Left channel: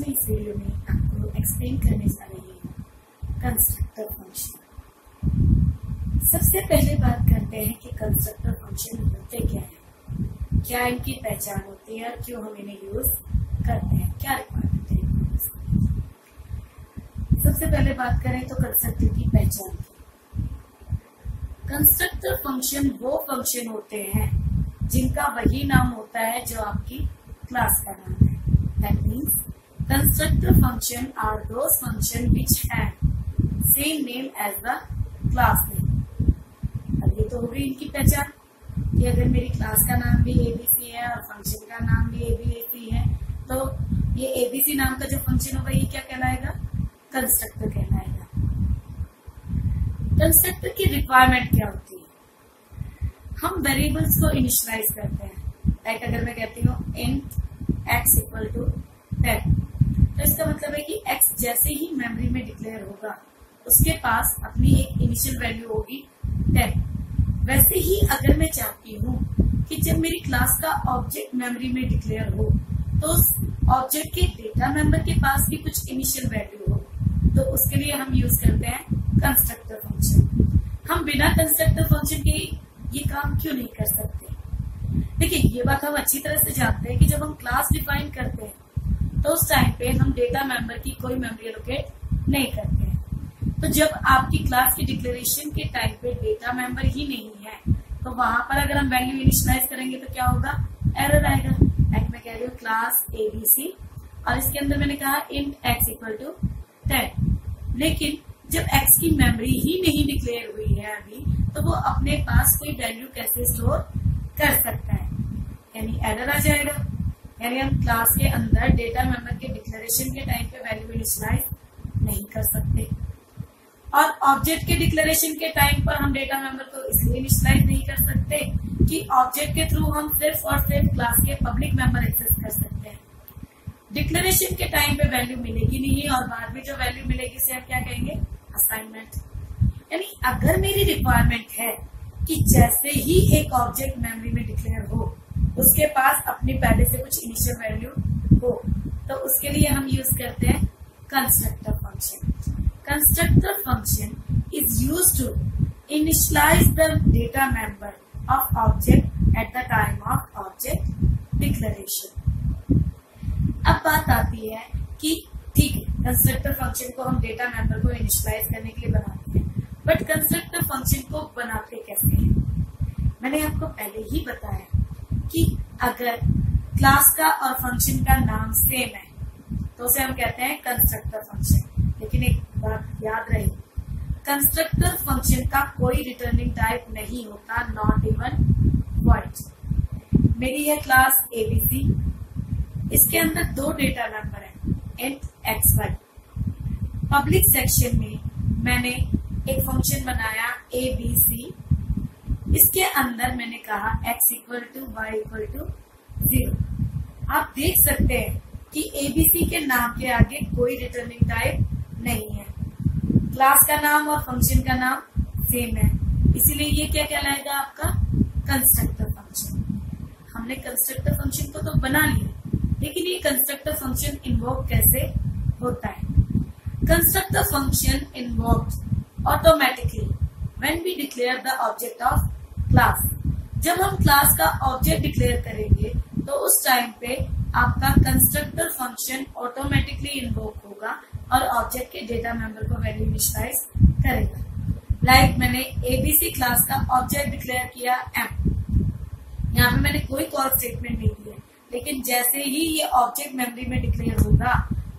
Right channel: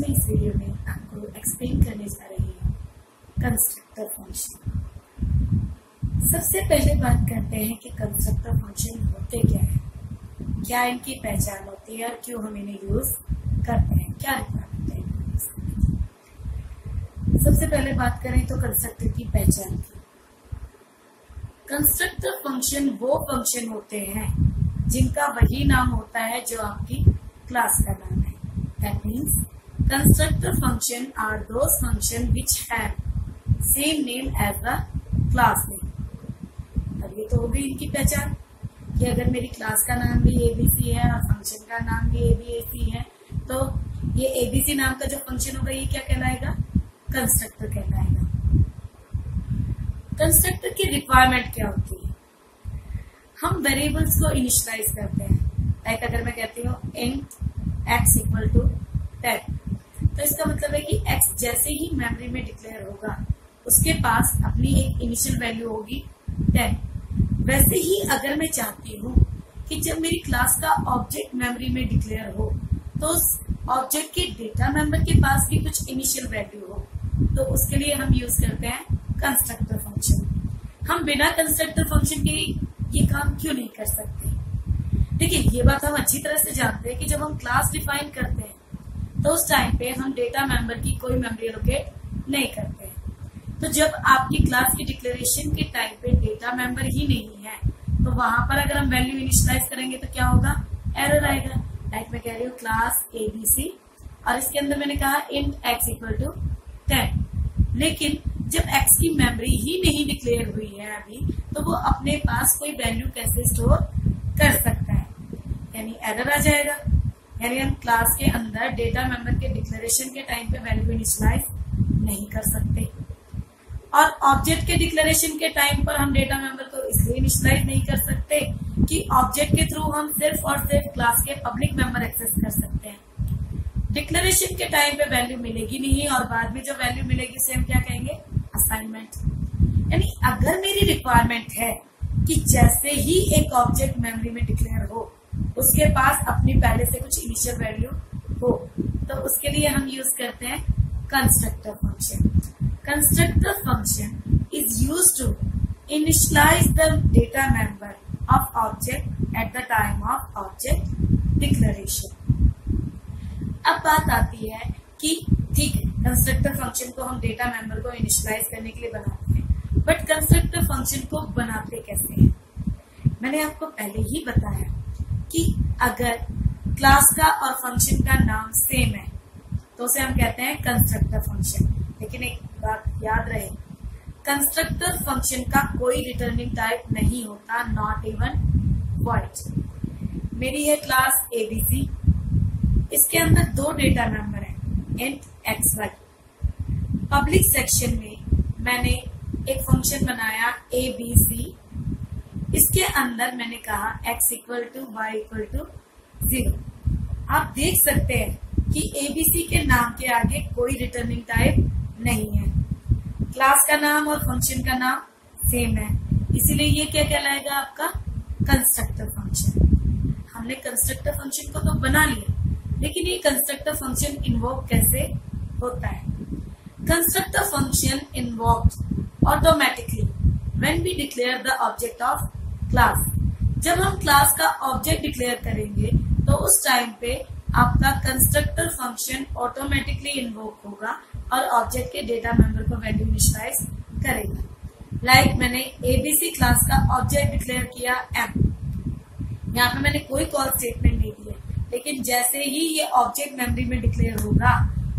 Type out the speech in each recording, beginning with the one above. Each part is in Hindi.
मैं इस वीडियो में आपको एक्सप्लेन करने जा रही हूँ कंस्ट्रक्टर फंक्शन। सबसे पहले बात करते हैं कि कंस्ट्रक्टर फंक्शन होते क्या है, क्या इनकी पहचान होती है और क्यों हम इन्हें यूज करते हैं, क्या रिक्वायरमेंट है इनको यूज करने की। सबसे पहले बात करें तो कंस्ट्रक्टर की पहचान की। कंस्ट्रक्टर फंक्शन वो फंक्शन होते हैं जिनका वही नाम होता है जो आपकी क्लास का नाम है। That means constructor function are those function which have same name as the class name। अब ये तो हो गई इनकी पहचान कि अगर मेरी क्लास का नाम भी एबीसी है और फंक्शन का नाम भी एबीसी है तो ये एबीसी नाम का जो फंक्शन होगा ये क्या कहलाएगा, कंस्ट्रक्टर कहलाएगा। कंस्ट्रक्टर की रिक्वायरमेंट क्या होती है, हम वेरिएबल्स को इनिशियलाइज करते हैं। लाइक अगर मैं कहती हूँ int x इक्वल टू 10, तो इसका मतलब है कि x जैसे ही मेमोरी में डिक्लेयर होगा उसके पास अपनी एक इनिशियल वैल्यू होगी 10। वैसे ही अगर मैं चाहती हूँ कि जब मेरी क्लास का ऑब्जेक्ट मेमोरी में डिक्लेयर हो तो उस ऑब्जेक्ट के डेटा मेंबर के पास भी कुछ इनिशियल वैल्यू हो, तो उसके लिए हम यूज करते हैं कंस्ट्रक्टर फंक्शन। हम बिना कंस्ट्रक्टर फंक्शन के ये काम क्यों नहीं कर सकते। देखिए, ये बात हम अच्छी तरह से जानते हैं कि जब हम क्लास डिफाइन करते हैं तो उस टाइम पे हम डेटा मेंबर की कोई मेमोरी एलोकेट नहीं करते हैं। तो जब आपकी क्लास की डिक्लेरेशन के टाइम पे डेटा मेंबर ही नहीं है तो वहां पर अगर हम वैल्यू इनिशियलाइज करेंगे तो क्या होगा, एरर आएगा। लाइक मैं कह रही हूँ क्लास एबीसी और इसके अंदर मैंने कहा इंट एक्स इक्वल टू 10, लेकिन जब एक्स की मेमोरी ही नहीं डिक्लेयर हुई है अभी तो वो अपने पास कोई वैल्यू कैसे स्टोर कर सकता है, यानी एरर आ जाएगा। यानी हम क्लास के अंदर डेटा मेंबर के डिक्लेरेशन के टाइम पे वैल्यू इनिशियलाइज नहीं कर सकते और ऑब्जेक्ट के डिक्लेरेशन के टाइम पर हम डेटा मेंबर को इसलिए इनिशियलाइज नहीं कर सकते कि ऑब्जेक्ट के थ्रू हम सिर्फ और सिर्फ क्लास के पब्लिक मेंबर एक्सेस कर सकते हैं। डिक्लेरेशन के टाइम पे वैल्यू मिलेगी नहीं और बाद में जो वैल्यू मिलेगी उसे हम क्या कहेंगे, असाइनमेंट। यानी अगर मेरी रिक्वायरमेंट है कि जैसे ही एक ऑब्जेक्ट मेमोरी में डिक्लेयर हो उसके पास अपनी पहले से कुछ इनिशियल वैल्यू हो, तो उसके लिए हम यूज करते हैं constructor function. Constructor function is used to initialize the data member of object at the time of object declaration. अब बात आती है कि ठीक है, कंस्ट्रक्टर फंक्शन को हम डेटा मेंबर को इनिशियलाइज करने के लिए बनाते हैं, बट कंस्ट्रक्टर फंक्शन को बनाते कैसे हैं। मैंने आपको पहले ही बताया कि अगर क्लास का और फंक्शन का नाम सेम है तो उसे हम कहते हैं कंस्ट्रक्टर फंक्शन। लेकिन एक बात याद रहे, कंस्ट्रक्टर फंक्शन का कोई रिटर्निंग टाइप नहीं होता, नॉट इवन वॉइड। मेरी है क्लास एबीसी, इसके अंदर दो डेटा मेंबर है int X Y. Public section में मैंने एक फंक्शन बनाया एबीसी, इसके अंदर मैंने कहा x equal to Y equal to 0। आप देख सकते हैं कि एबीसी के नाम के आगे कोई रिटर्निंग टाइप नहीं है, क्लास का नाम और फंक्शन का नाम सेम है, इसीलिए ये क्या कहलाएगा, आपका कंस्ट्रक्टर फंक्शन। हमने कंस्ट्रक्टर फंक्शन को तो बना लिया, लेकिन ये कंस्ट्रक्टर फंक्शन इन्वोक कैसे होता है। Constructor function invoked automatically when we declare the object of class. जब हम क्लास का ऑब्जेक्ट डिक्लेयर करेंगे तो उस टाइम पे आपका कंस्ट्रक्टर फंक्शन ऑटोमेटिकली इन्वोक होगा और ऑब्जेक्ट के डेटा मेंबर को वैल्यू इनिशियलाइज करेगा। लाइक मैंने एबीसी क्लास का ऑब्जेक्ट डिक्लेयर किया एम, यहाँ पे मैंने कोई कॉल स्टेटमेंट नहीं दिया, लेकिन जैसे ही ये ऑब्जेक्ट मेमोरी में डिक्लेयर होगा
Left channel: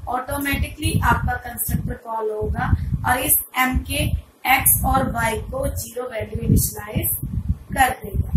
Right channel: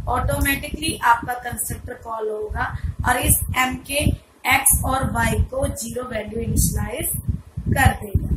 ऑटोमेटिकली आपका कंस्ट्रक्टर कॉल होगा और इस एम के एक्स और वाई को 0 वैल्यू इनिशियलाइज कर देगा।